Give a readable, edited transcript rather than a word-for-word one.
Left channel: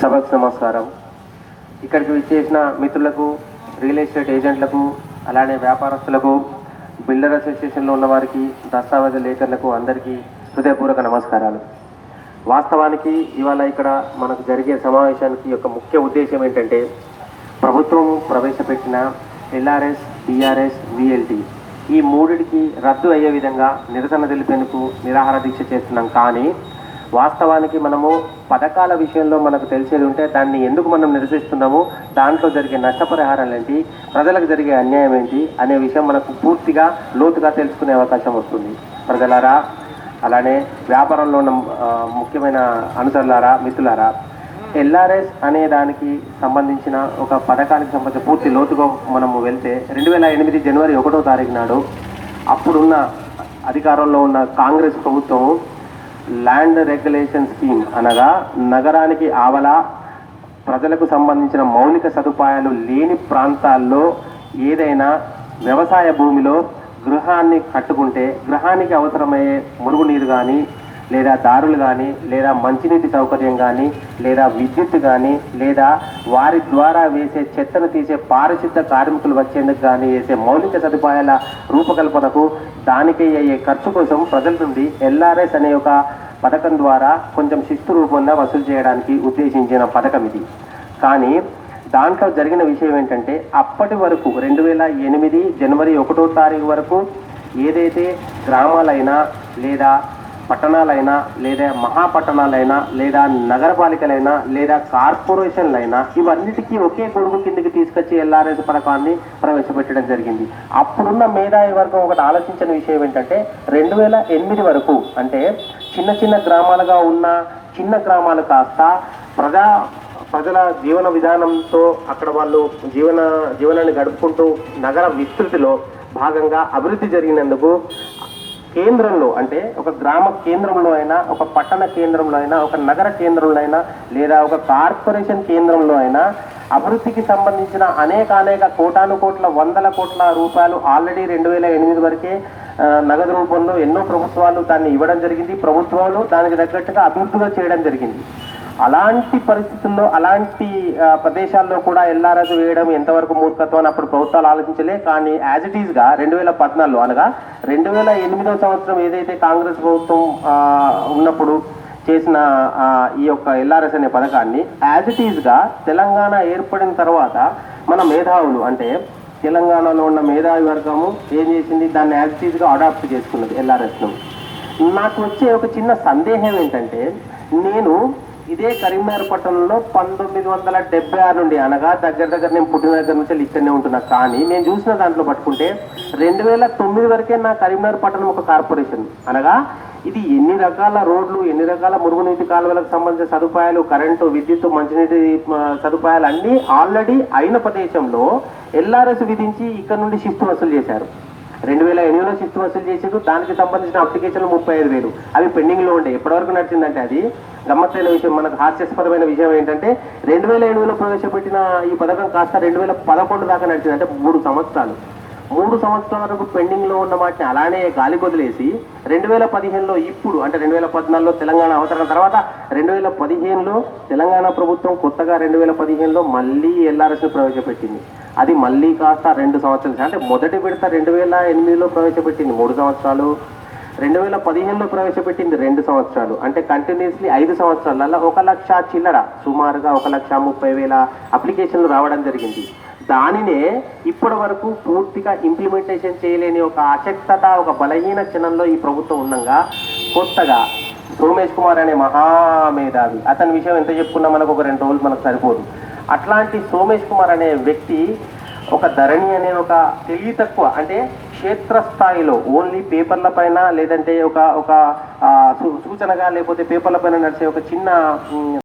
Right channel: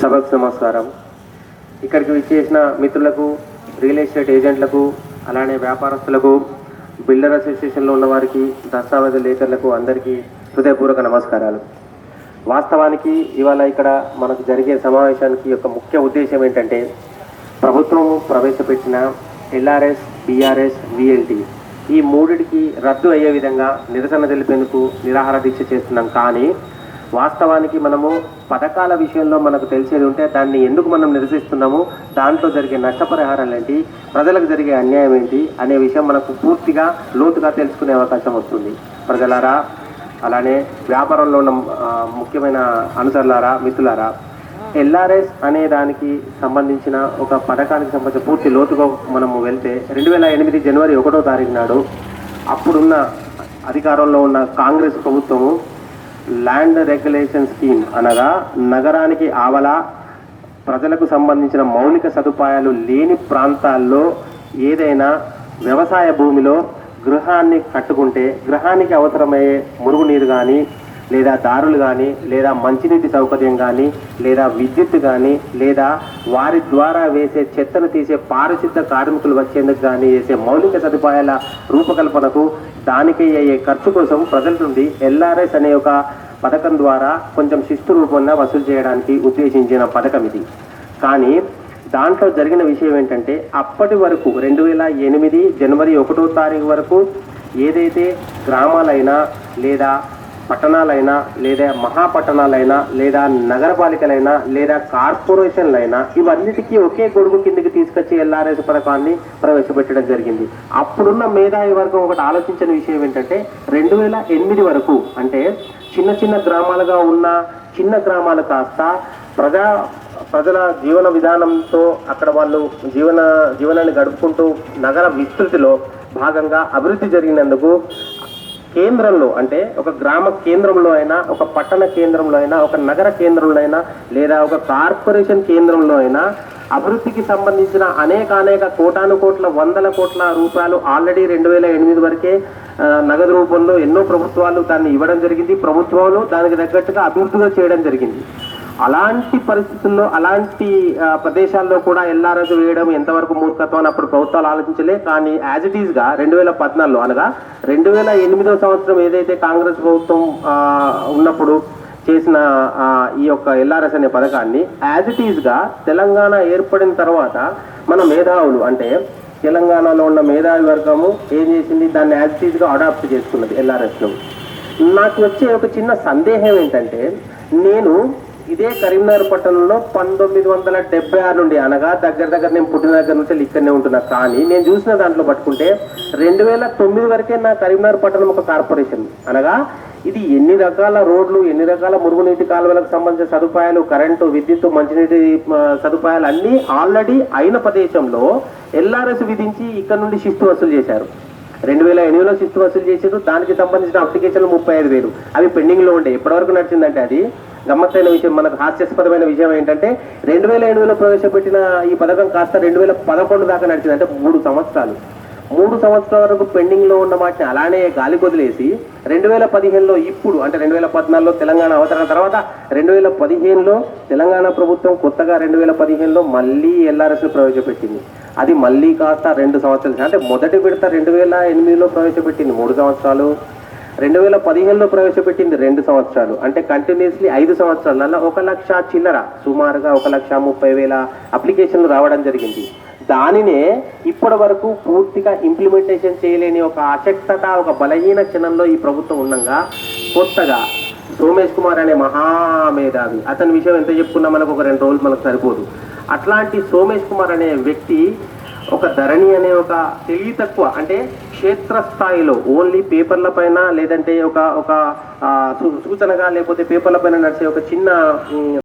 సభకు నమస్కారం. ఇక్కడికి విచ్చేసిన మిత్రులకు, రియల్ ఎస్టేట్ ఏజెంట్లకు, అలానే వ్యాపారస్తులకు, బిల్డర్ అసోసియేషన్లో ఉన్న వారికి, దస్తావేజు లేఖర్లకు అందరికీ హృదయపూర్వక నమస్కారాలు. వాస్తవానికి ఇవాళ ఇక్కడ మనకు జరిగే సమావేశానికి యొక్క ముఖ్య ఉద్దేశం ఏంటంటే, ప్రభుత్వం ప్రవేశపెట్టిన ఎల్ఆర్ఎస్, టీఆర్ఎస్, విఎల్టీ ఈ మూడిటికి రద్దు అయ్యే విధంగా నిరసన తెలిపేందుకు నిరాహార దీక్ష చేస్తున్నాం. కానీ వాస్తవానికి మనము పథకాల విషయంలో మనకు తెలిసేది ఉంటే దాన్ని ఎందుకు మనం నిరసిస్తున్నాము, దాంట్లో జరిగే నష్టపరిహారాలు ఏంటి, ప్రజలకు జరిగే అన్యాయం ఏంటి అనే విషయం మనకు పూర్తిగా లోతుగా తెలుసుకునే అవకాశం వస్తుంది. ప్రజలారా, అలానే వ్యాపారంలో ఉన్న ముఖ్యమైన అనుసరులారా, మిత్రులారా, ఎల్ఆర్ఎస్ అనే దానికి సంబంధించిన ఒక పథకానికి సంబంధించిన పూర్తి లోతుగా మనము వెళ్తే 2008 జనవరి 1వ తారీఖు నాడు అప్పుడున్న అధికారంలో ఉన్న కాంగ్రెస్ ప్రభుత్వము ల్యాండ్ రెగ్యులేషన్ స్కీమ్ అనగా నగరానికి ఆవల ప్రజలకు సంబంధించిన మౌలిక సదుపాయాలు లేని ప్రాంతాల్లో ఏదైనా వ్యవసాయ భూమిలో గృహాన్ని కట్టుకుంటే గృహానికి అవసరమయ్యే మురుగునీరు కానీ, లేదా దారులు కానీ, లేదా మంచినీటి సౌకర్యం కానీ, లేదా విద్యుత్ కానీ, లేదా వారి ద్వారా వేసే చెత్తను తీసే పారిశుద్ధ కార్మికులు వచ్చేందుకు కానీ వేసే మౌలిక సదుపాయాల రూపకల్పనకు దానికి అయ్యే ఖర్చు కోసం ప్రజల నుండి ఎల్ఆర్ఎస్ అనే ఒక పథకం ద్వారా కొంచెం శిస్తు రూపంగా వసూలు చేయడానికి ఉద్దేశించిన పథకం ఇది. కానీ దాంట్లో జరిగిన విషయం ఏంటంటే, అప్పటి వరకు 2008 జనవరి 1వ తారీఖు వరకు ఏదైతే గ్రామాలైనా, లేదా పట్టణాలైనా, లేదా మహాపట్టణాలైనా, లేదా నగరపాలికలైనా, లేదా కార్పొరేషన్లైనా ఇవన్నిటికీ ఒకే గొడుగు కిందికి తీసుకొచ్చి ఎల్ఆర్ఎస్ పథకాన్ని ప్రవేశపెట్టడం జరిగింది. అప్పుడున్న మేధావి వర్గం ఒకటి ఆలోచించిన విషయం ఏంటంటే, 2008 వరకు అంటే చిన్న చిన్న గ్రామాలుగా ఉన్న చిన్న గ్రామాలు కాస్త ప్రజల జీవన విధానంతో అక్కడ వాళ్ళు జీవనాన్ని గడుపుకుంటూ నగర విస్తృతిలో భాగంగా అభివృద్ధి జరిగినందుకు కేంద్రంలో అంటే ఒక గ్రామ కేంద్రంలో అయినా, ఒక పట్టణ కేంద్రంలో అయినా, ఒక నగర కేంద్రంలో అయినా, లేదా ఒక కార్పొరేషన్ కేంద్రంలో అయినా అభివృద్ధికి సంబంధించిన అనేక కోట్ల వందల కోట్ల రూపాయలు ఆల్రెడీ 2008 వరకే నగదు రూపంలో ఎన్నో ప్రభుత్వాలు దాన్ని ఇవ్వడం జరిగింది. ప్రభుత్వాలు దానికి తగ్గట్టుగా అభివృద్ధిగా చేయడం జరిగింది. అలాంటి పరిస్థితుల్లో, అలాంటి ప్రదేశాల్లో కూడా ఎల్ఆర్ఎస్ వేయడం ఎంతవరకు మూర్ఖత్వం అని అప్పుడు ప్రభుత్వాలు ఆలోచించలే. కానీ యాజ్ ఇట్ ఈస్గా 2014 అనగా 2008వ సంవత్సరం ఏదైతే కాంగ్రెస్ ప్రభుత్వం ఉన్నప్పుడు చేసిన ఈ యొక్క ఎల్ఆర్ఎస్ అనే పథకాన్ని యాజ్ ఇట్ ఈస్గా తెలంగాణ ఏర్పడిన తర్వాత మన మేధావులు అంటే తెలంగాణలో ఉన్న మేధావి వర్గము ఏం చేసింది, దాన్ని యాజ్ ఇట్ ఈస్గా అడాప్ట్ చేసుకున్నది ఎల్ఆర్ఎస్ను. నాకు వచ్చే ఒక చిన్న సందేహం ఏంటంటే, నేను ఇదే కరీంనగర్ పట్టణంలో 1976 నుండి అనగా దగ్గర నేను పుట్టిన దగ్గర నుంచి ఇక్కడనే ఉంటున్నా. కానీ నేను చూసిన దాంట్లో పట్టుకుంటే 2009 వరకే నా కరీంనగర్ పట్టణం ఒక కార్పొరేషన్. అనగా ఇది ఎన్ని రకాల రోడ్లు, ఎన్ని రకాల మురుగునీటి కాలువలకు సంబంధించిన సదుపాయాలు, కరెంటు, విద్యుత్, మంచినీటి సదుపాయాలు అన్నీ ఆల్రెడీ అయిన ప్రదేశంలో ఎల్ఆర్ఎస్ విధించి ఇక్కడ నుండి శిస్తు వసూలు చేశారు. 2008లో శిస్తు వసూలు చేశారు. దానికి సంబంధించిన అప్లికేషన్లు 35,000 అవి పెండింగ్లో ఉండే. ఎప్పటివరకు నడిచిందంటే అది గమ్మత్తైన విషయం, మనకు హాస్యాస్పదమైన విషయం ఏంటంటే 2008లో ప్రవేశపెట్టిన ఈ పథకం కాస్త 2011 దాకా నడిచింది. అంటే 3 సంవత్సరాలు. 3 సంవత్సరాల వరకు పెండింగ్లో ఉన్న వాటిని అలానే గాలి కొదిలేసి 2015లో ఇప్పుడు అంటే 2014లో తెలంగాణ అవతరణ తర్వాత 2015లో తెలంగాణ ప్రభుత్వం కొత్తగా 2015లో మళ్ళీ ఎల్ఆర్ఎస్ను ప్రవేశపెట్టింది. అది మళ్ళీ కాస్త 2 సంవత్సరాలు. అంటే మొదటి విడత 2008లో ప్రవేశపెట్టింది 3 సంవత్సరాలు, 2015లో ప్రవేశపెట్టింది 2 సంవత్సరాలు. అంటే కంటిన్యూస్లీ 5 సంవత్సరాలలో 1,00,000 చిల్లర, సుమారుగా 1,30,000 అప్లికేషన్లు రావడం జరిగింది. దానినే ఇప్పటి వరకు పూర్తిగా ఇంప్లిమెంటేషన్ చేయలేని ఒక అశక్తత, ఒక బలహీన క్షణంలో ఈ ప్రభుత్వం ఉండగా కొత్తగా సోమేష్ కుమార్ అనే మహామేధావి, అతని విషయం ఎంత చెప్పుకున్నా మనకు ఒక 2 రోజులు మనకు సరిపోదు. అట్లాంటి సోమేష్ కుమార్ అనే వ్యక్తి ఒక ధరణి అనే ఒక తెలివి తక్కువ అంటే క్షేత్రస్థాయిలో ఓన్లీ పేపర్ల పైన, లేదంటే ఒక సూచనగా, లేకపోతే పేపర్ల పైన నడిచే ఒక చిన్న